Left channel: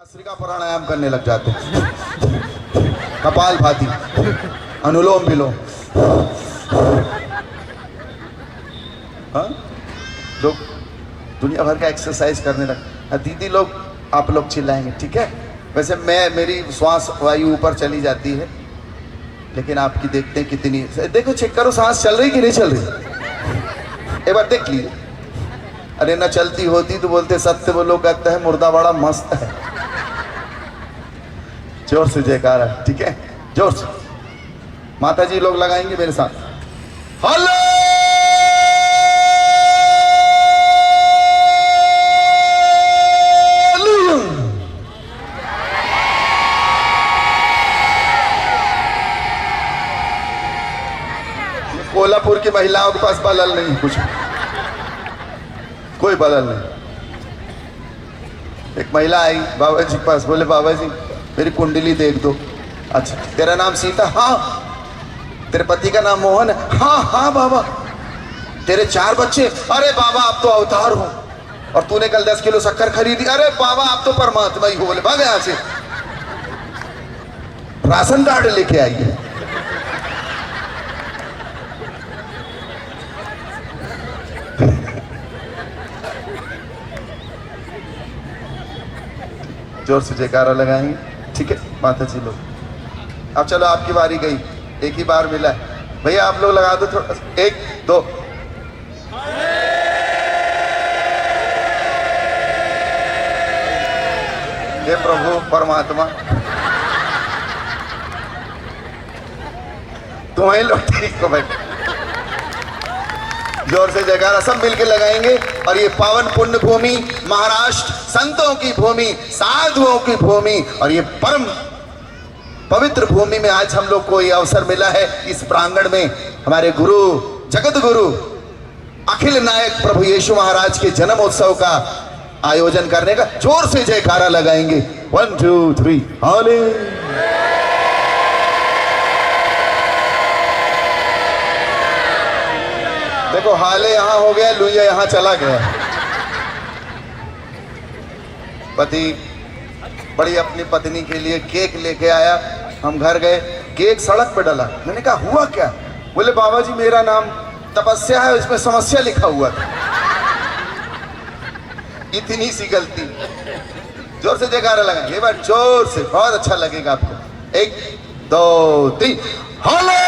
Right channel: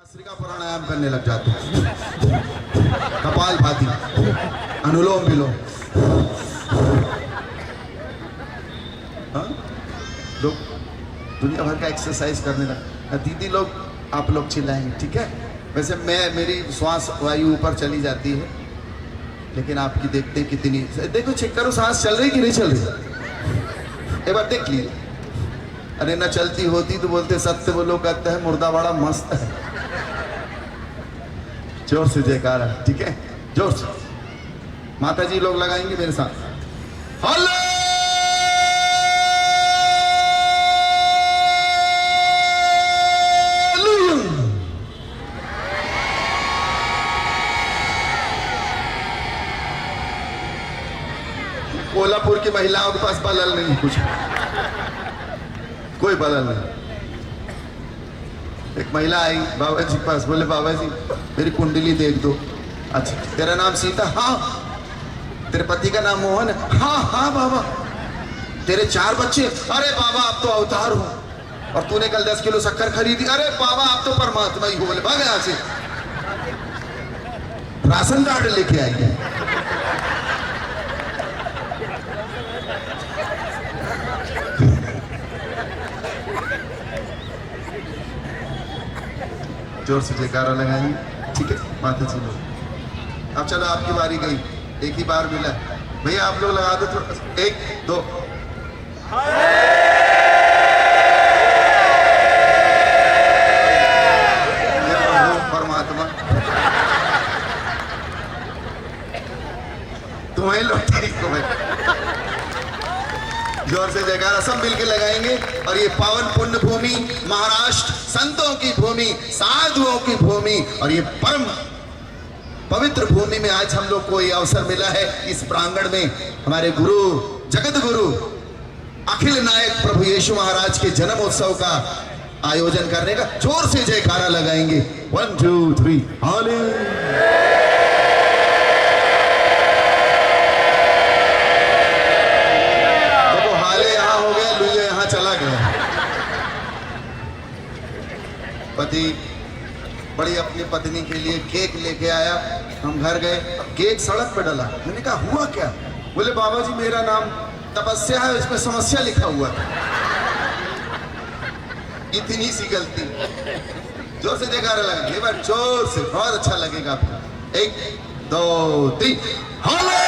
भस्त्रिका प्राणायाम करने लग जाते हैं, कपाल भाती, अनुलोम विलोम। हाँ, लोग दुनिया भर का एक्सरसाइज करने लग। दीदी लोग, आप लोग चिल्लाएंगे, ठीक है। वैसे मेरी श्वास वायु ऊपर चली जाती है, लेकिन आपकी देखते हैं कितनी। देखो, चेक करो सांस चल रही कि नहीं चल रही, एक बार देख लीजिए। अरे ना चलती होती तो बोलते सत्य बोलो, कहता है मुर्दा बड़ा मस्त है। जोर से जयकारा, ठीक है, जोर से। माता जी लोग लगाएंगे मेरे साथ। हेलो, कोल्हापुर की महिलाओं के पास बलल नहीं, कुछ कोई बलल नहीं। एक महिला आई बाबा जी के पास, बोले बाबा जी मेरी कुंडली देख दो। अच्छा, तेरा नाम सीता? हाँ। तेरे पति का नाम मोहन है? हाँ हाँ बाबा। तेरे 4 बच्चे? अरे बाबा आप तो अवतार हो। और तूने कल 10 किलो शक्कर खरीदी? अरे बाबा आप तो परमात्मा ही हो। बोले भाग यहाँ से, राशन कार्ड लेके आइए। जोर से जयकारा लगाएंगे, ठीक है माता जी लोग। अब चलो आपकी बारी गई, एक ही बार मिला है भैया, आप लोग लगा दो थोड़ा। 1 2। ये प्रभु परमात्मा, तुम्हें लोग ठीक हो भाई। जोर से जयकारा सब मिलके लगाएंगे। और ये पावन पुण्य भूमि, महाराष्ट्र, संतों की भूमि, साधुओं की भूमि, और ये परम पवित्र भूमि में आज हम लोग को ये अवसर मिला है। इस प्रांगण में हमारे गुरु, जगत गुरु, अखिल नायक प्रभु यीशु महाराज के जन्मोत्सव का आयोजन करने का। जोर से जयकारा लगाएंगे। 1 2 3 हाले। देखो हाले यहां हो गया, लुइया यहां चला गया। पति बड़ी अपनी पत्नी के लिए केक लेके आया, हम घर गए, केक सड़क पे डला। मैंने कहा हुआ क्या? बोले बाबा जी मेरा नाम तपस्या है, इसमें समस्या लिखा हुआ था। इतनी सी गलती। जोर से जयकारा लगाएंगे एक बार, जोर से, बहुत अच्छा लगेगा आपको। 1 2 3 हाले।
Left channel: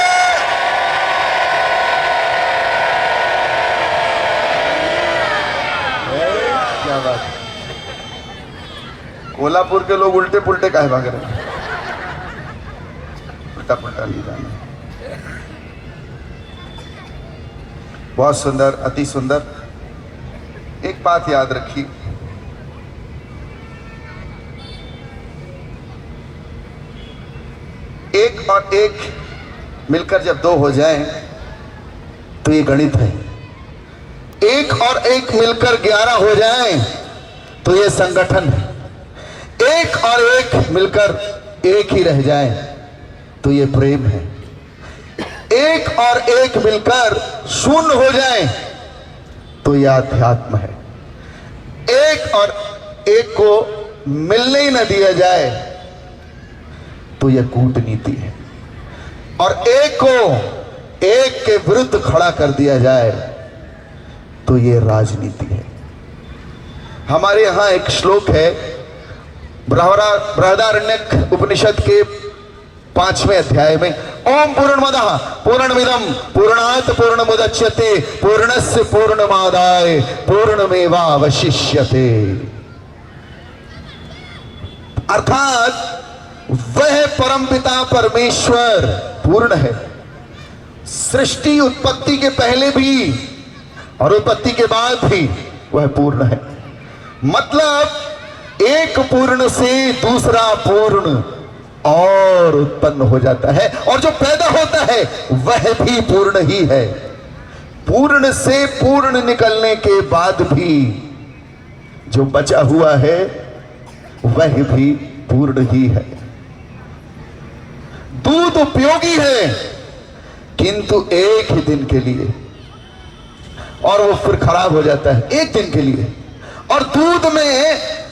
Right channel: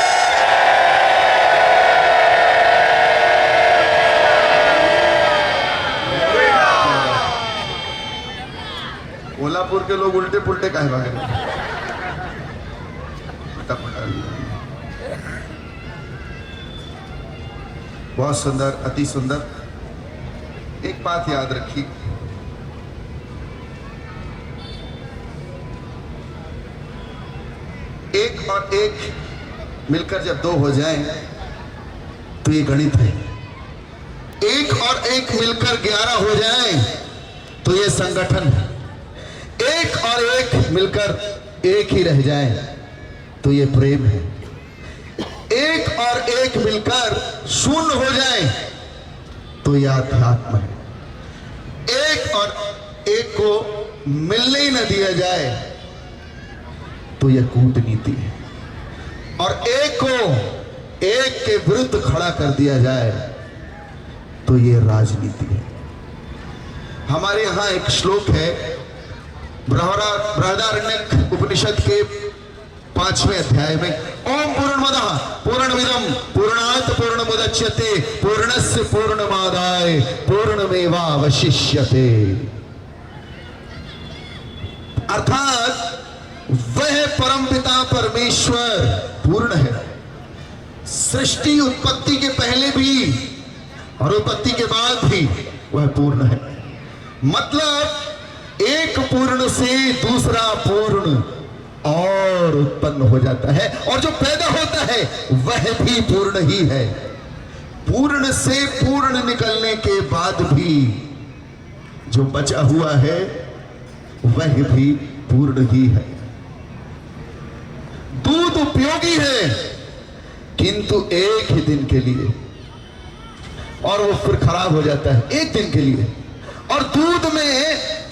कोल्हापुर के लोग उल्टे पुल्टे काहे भाग रहे हैं? उल्टा पुल्टा नहीं जाना। बहुत सुंदर, अति सुंदर। एक बात याद रखिए, एक और एक मिलकर जब 2 हो जाएं तो ये गणित है। 1 और 1 मिलकर 11 हो जाएं तो ये संगठन है। 1 और 1 मिलकर 1 ही रह जाए तो ये प्रेम है। 1 और 1 मिलकर 0 हो जाए तो ये अध्यात्म है। 1 और 1 को मिलने ही न दिया जाए तो यह कूटनीति है। और 1 को 1 के विरुद्ध खड़ा कर दिया जाए तो यह राजनीति है। हमारे यहां एक श्लोक है, बृहदारण्यक उपनिषद के 5वें अध्याय में, ओम पूर्णमदः पूर्णमिदं पूर्णात् पूर्णमुदच्यते पूर्णस्य पूर्णमादाय पूर्णमेवावशिष्यते। अर्थात वह परमपिता परमेश्वर पूर्ण है। सृष्टि उत्पत्ति के पहले भी और उत्पत्ति के बाद भी वह पूर्ण है। मतलब एक पूर्ण से दूसरा पूर्ण और उत्पन्न हो जाता है, और जो पैदा होता है वह भी पूर्ण ही है। पूर्ण से पूर्ण निकलने के बाद भी जो बचा हुआ है वह भी पूर्ण ही है। दूध उपयोगी है किंतु एक ही दिन के लिए, और वो फिर खराब हो जाता है एक दिन के लिए। और दूध में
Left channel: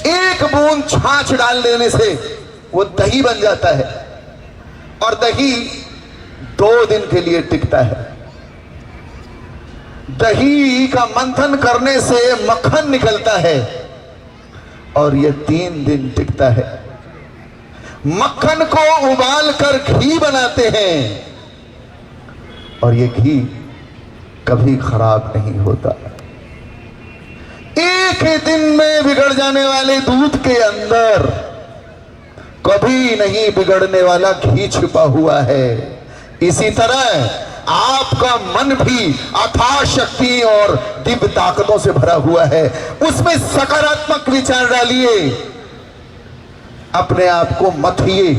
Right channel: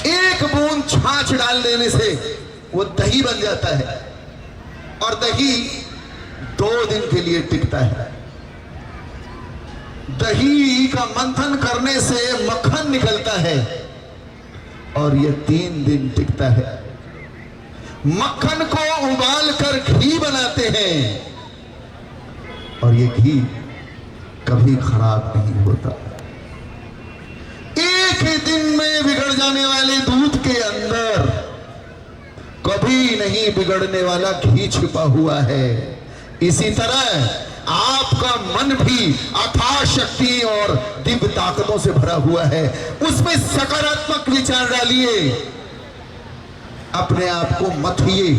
एक बूंद छाछ डाल देने से वो दही बन जाता है और दही 2 दिन के लिए टिकता है। दही का मंथन करने से मक्खन निकलता है और ये 3 दिन टिकता है। मक्खन को उबाल कर घी बनाते हैं और ये घी कभी खराब नहीं होता। एक ही दिन में बिगड़ जाने वाले दूध के अंदर कभी नहीं बिगड़ने वाला घी छिपा हुआ है। इसी तरह आपका मन भी अथाह शक्ति और दिव्य ताकतों से भरा हुआ है। उसमें सकारात्मक विचार डालिए, अपने आप को मथिए,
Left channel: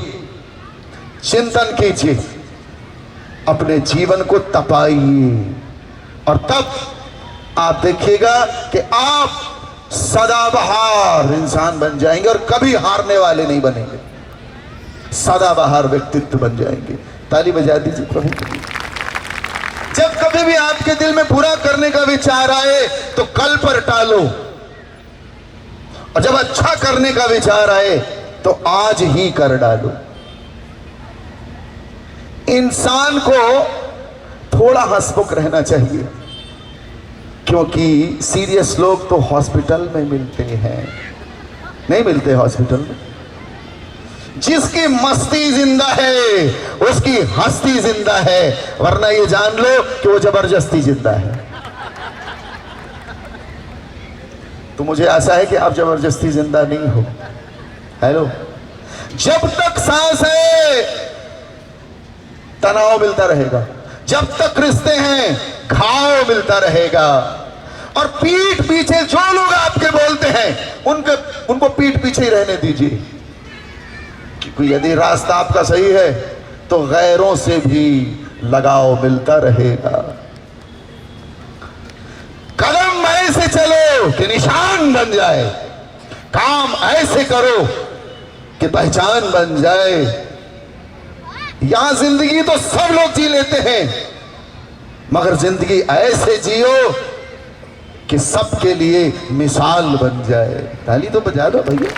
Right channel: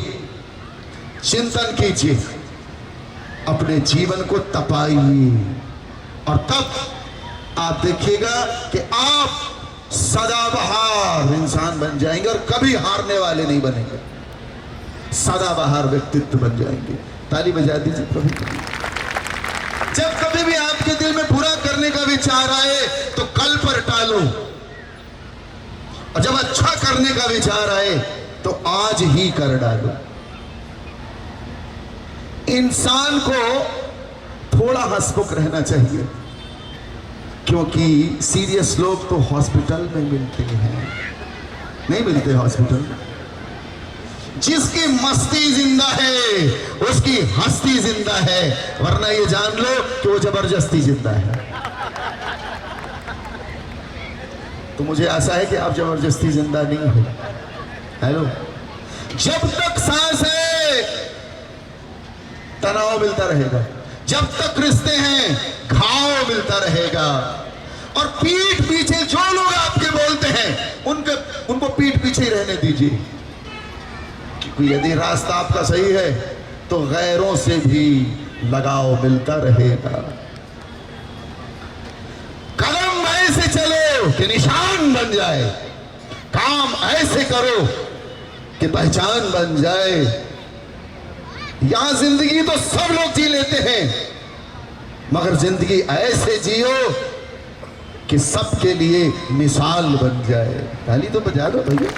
चिंतन कीजिए, अपने जीवन को तपाइए और तब आप देखिएगा कि आप सदाबहार इंसान बन जाएंगे और कभी हारने वाले नहीं बनेंगे। सदाबहार व्यक्तित्व बन जाएंगे। ताली बजा दीजिए प्रभु के लिए। जब कभी भी आपके दिल में बुरा करने का विचार आए तो कल पर टालो और जब अच्छा करने का विचार आए तो आज ही कर डालो। इंसान को थोड़ा हंसमुख रहना चाहिए, क्योंकि सीरियस लोग तो हॉस्पिटल में मिलते हैं, नहीं मिलते हॉस्पिटल में। जिसकी मस्ती जिंदा है उसकी हस्ती जिंदा है, वरना ये जान लो कि वो जबरदस्ती जिंदा है। तो मुझे आशा है कि आप जबरदस्ती जिंदा नहीं हो। हेलो, जब तक सांस है तनाव मिलता रहेगा, जब तक रिश्ते हैं घाव मिलता रहेगा। और पीठ पीछे जो लोग आपके बोलते हैं उनको पीठ पीछे ही रहने दीजिए, क्योंकि यदि रास्ता आपका सही है तो गैरों से भी लगाव मिलता रहेगा। कदम ऐसे चलो कि निशान बन जाए, काम ऐसे करो कि पहचान बन जाए। यहां जिंदगी तो सब लोग जी लेते हैं, मगर जिंदगी ऐसे जियो कि सबके लिए मिसाल बन जाए। ताली तो बजा दो भैया।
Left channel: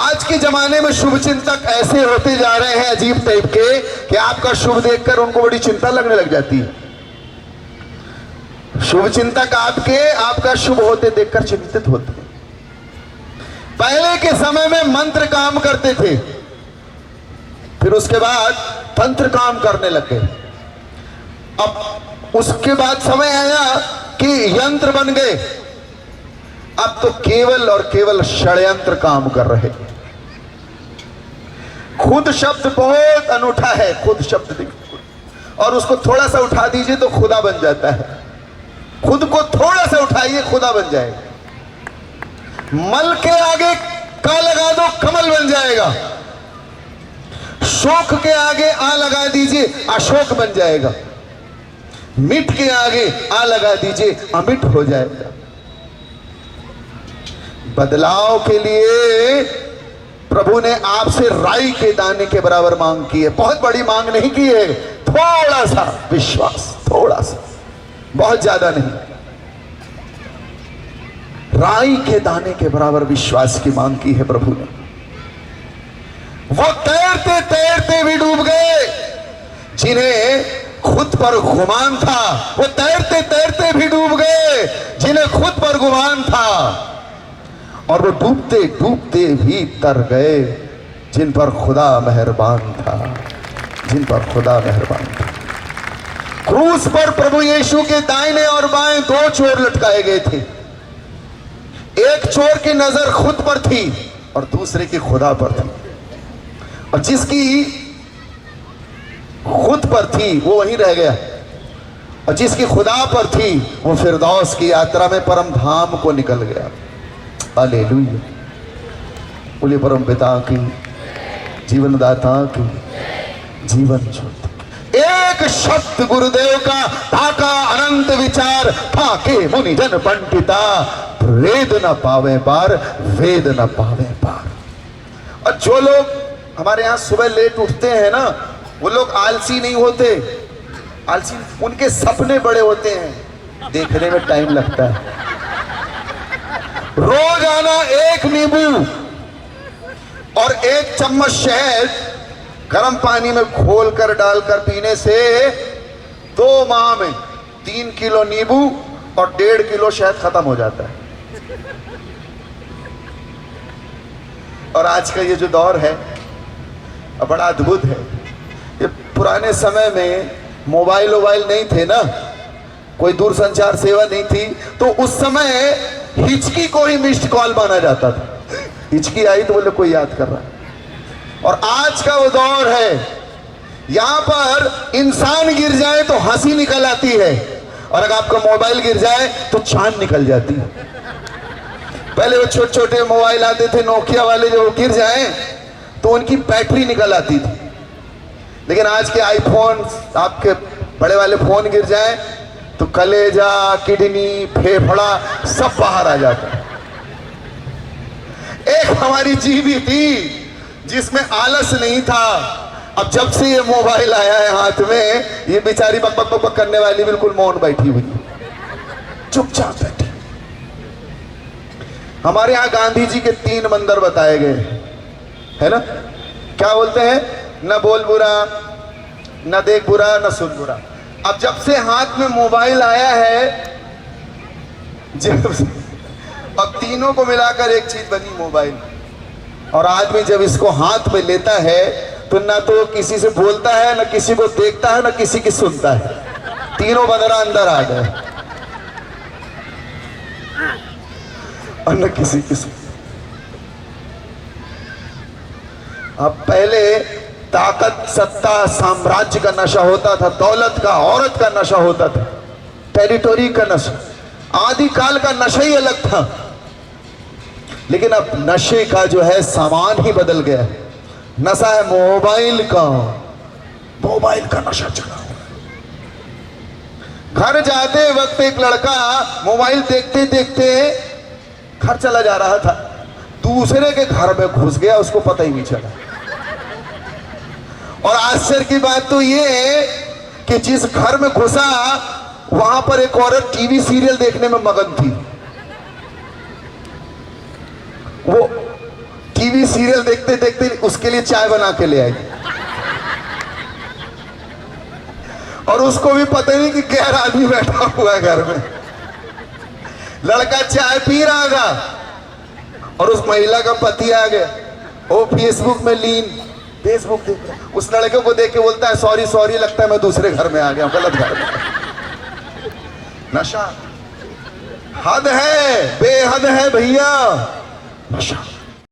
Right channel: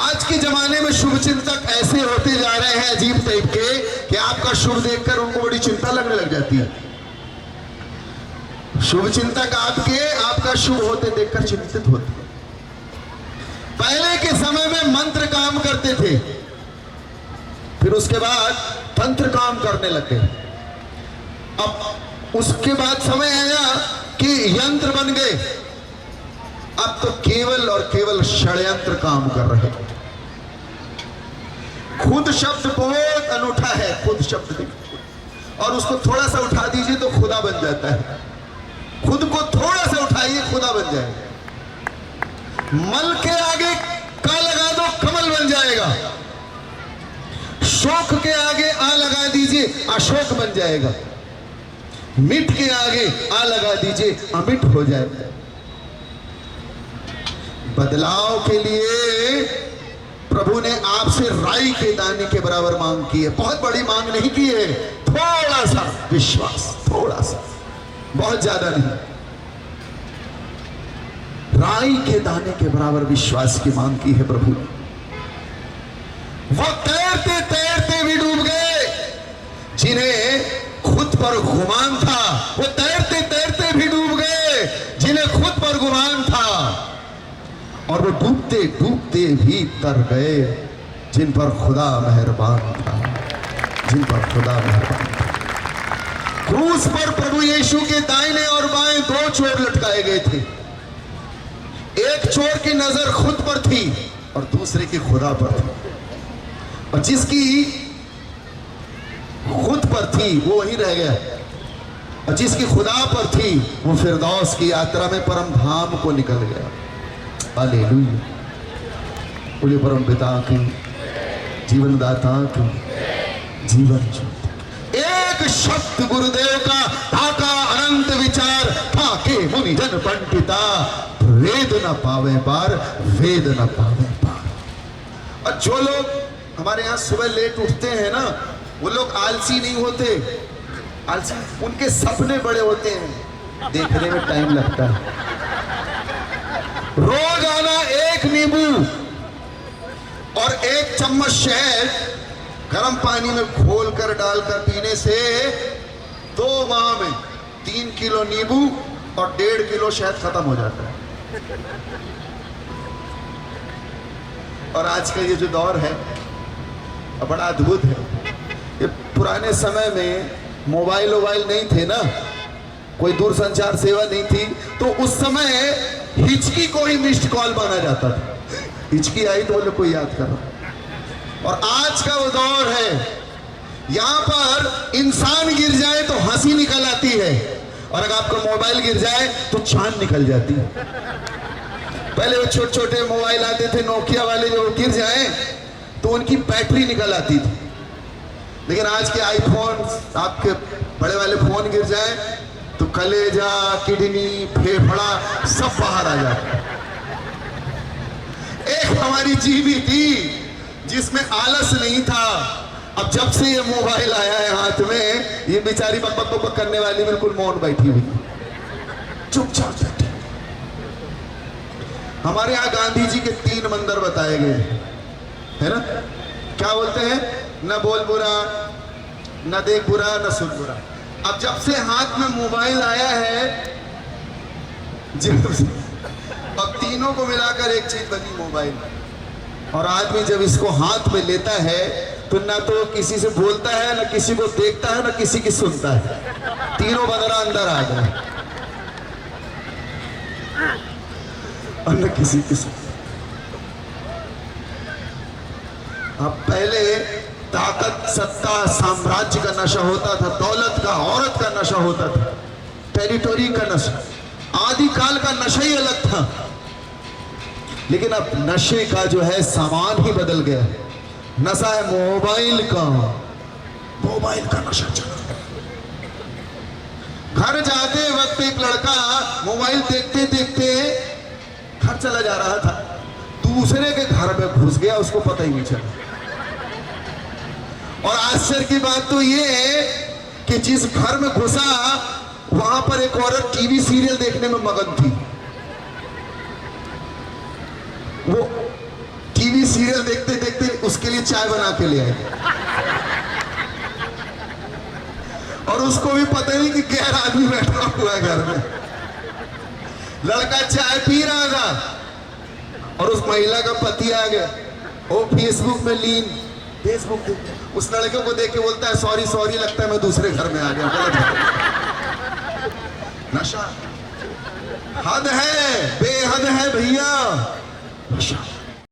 आज के जमाने में शुभ चिंतक ऐसे होते जा रहे हैं अजीब टाइप के कि आपका शुभ देखकर उनको बड़ी चिंता लगने लग जाती है। शुभ चिंतक आपका शुभ होते देखकर चिंतित होते हैं। पहले के समय में मंत्र काम करते थे, फिर उसके बाद तंत्र काम करने लगे। अब उसके बाद समय आया कि यंत्र बन गए। अब तो केवल और केवल षड्यंत्र काम कर रहे। खुद शब्द बहुत अनूठा है, खुद शब्द, और उसको थोड़ा सा उठा दीजिए तो खुदा बन जाता है। खुद को थोड़ा सा उठाइए, खुदा बन जाएगा। मल के आगे का लगा दो, कमल बन जाएगा। शोक के आगे आ लगा दीजिए, अशोक बन जाएगा। मिट के आगे आ लगा दीजिए, अमिट हो जाएगा। बदलाव के लिए प्रभु ने आपसे राई के दाने के बराबर मांग की है। बहुत बड़ी मांग नहीं की है, थोड़ा सा विश्वास, थोड़ा सा, बहुत ज्यादा नहीं। राई के दाने के बराबर विश्वास की मांग की है प्रभु ने। वो तैरते तैरते भी डूब गए जिन्हें खुद पर गुमान था। वो तैरते तैरते भी डूब गए जिन्हें खुद पर गुमान था। और वो डूबते डूबते भी तर गए जिन पर खुदा मेहरबान था, जिन पर खुदा मेहरबान था। क्रूस पर प्रभु यीशु के दाहिने और बाएं 2 चोर लटकाए गए थे। एक चोर की नजर खुद पर थी और दूसरे की खुदा पर थी। और जिसकी खुद पर थी वो वहीं रह गया, और जिसकी खुदा पर थी वो फिरदौस की यात्रा में परम धाम को निकल गया। हालेलुया। बोलिए परम पिता की, जीवनदाता की, जीवन ज्योति। एक शब्द गुरुदेव का ढाका अनंत विचार था के मुनि जन पंडिता, वेद न पावे पार, वेद न पावे पार। और जो लोग हमारे यहाँ सुबह लेट उठते हैं ना, वो लोग आलसी नहीं होते। आलसी, उनके सपने बड़े होते हैं, देखने में टाइम लगता है। रोजाना 1 नींबू और 1 चम्मच शहद गर्म पानी में घोलकर डालकर पीने से 2 माह में 3 किलो नींबू और 1.5 किलो शहद खत्म हो जाता है। और आज का ये जो दौर है बड़ा अद्भुत है। ये पुराने समय में मोबाइल नहीं थे ना, कोई दूरसंचार सेवा नहीं थी, तो उस समय हिचकी को ही मिस्ड कॉल माना जाता था। हिचकी आई तो बोले कोई याद कर रहा। और आज का वो दौर है, यहां पर इंसान गिर जाए तो हंसी निकल आती है, और अगर आपका मोबाइल गिर जाए तो चांद निकल जाती है। पहले वो छोटे छोटे मोबाइल आते थे नोकिया वाले, जो गिर जाए तो उनकी बैटरी निकल आती थी। लेकिन आज के आईफोन, आपके बड़े वाले फोन गिर जाए तो कलेजा, किडनी, फेफड़ा सब बाहर आ जाता है। एक हमारी जीवी थी जिसमें आलस नहीं था। अब जब से ये मोबाइल आया है हाथ में, ये बेचारी बक बक बक करने वाली बिल्कुल मौन बैठी हुई, चुपचाप बैठी। हमारे यहाँ गांधी जी के 3 मंदिर बताए गए है ना। क्या बोलते हैं? न बोल बुरा, न देख बुरा, न सुन बुरा। अब जब से हाथ में मोबाइल आया है, अब तीनों को मिलाकर एक चीज बनी मोबाइल। और आदमी जब इसको हाथ में लेता है तो ना तो किसी से बोलता है, ना किसी को देखता है, ना किसी की सुनता है। तीनों बंदरा अंदर आ गए और न किसी की सुनता। अब पहले ताकत, सत्ता, साम्राज्य का नशा होता था, दौलत का, औरत का नशा होता था, टेरिटोरी का नशा, आदिकाल का नशा ही अलग था। लेकिन अब नशे का जो है सामान ही बदल गया है। नशा है मोबाइल का नशा चला। घर जाते वक्त एक लड़का मोबाइल देखते देखते घर चला जा रहा था, दूसरे के घर में घुस गया, उसको पता ही नहीं चला। और आश्चर्य की बात तो ये कि जिस घर में घुसा वहां पर एक औरत टीवी सीरियल देखने में मगन थी। वो टीवी सीरियल देखते देखते उसके लिए चाय बना के ले आई, और उसको भी पता नहीं कि गैर आदमी बैठा हुआ है घर में। लड़का चाय पी रहा था और उस महिला का पति आ गया, वो फेसबुक में लीन, फेसबुक देख रहा। उस लड़के को देख के बोलता है सॉरी सॉरी, लगता है मैं दूसरे घर में आ गया, गलत घर में। नशा हद है, बेहद है भैया, नशा।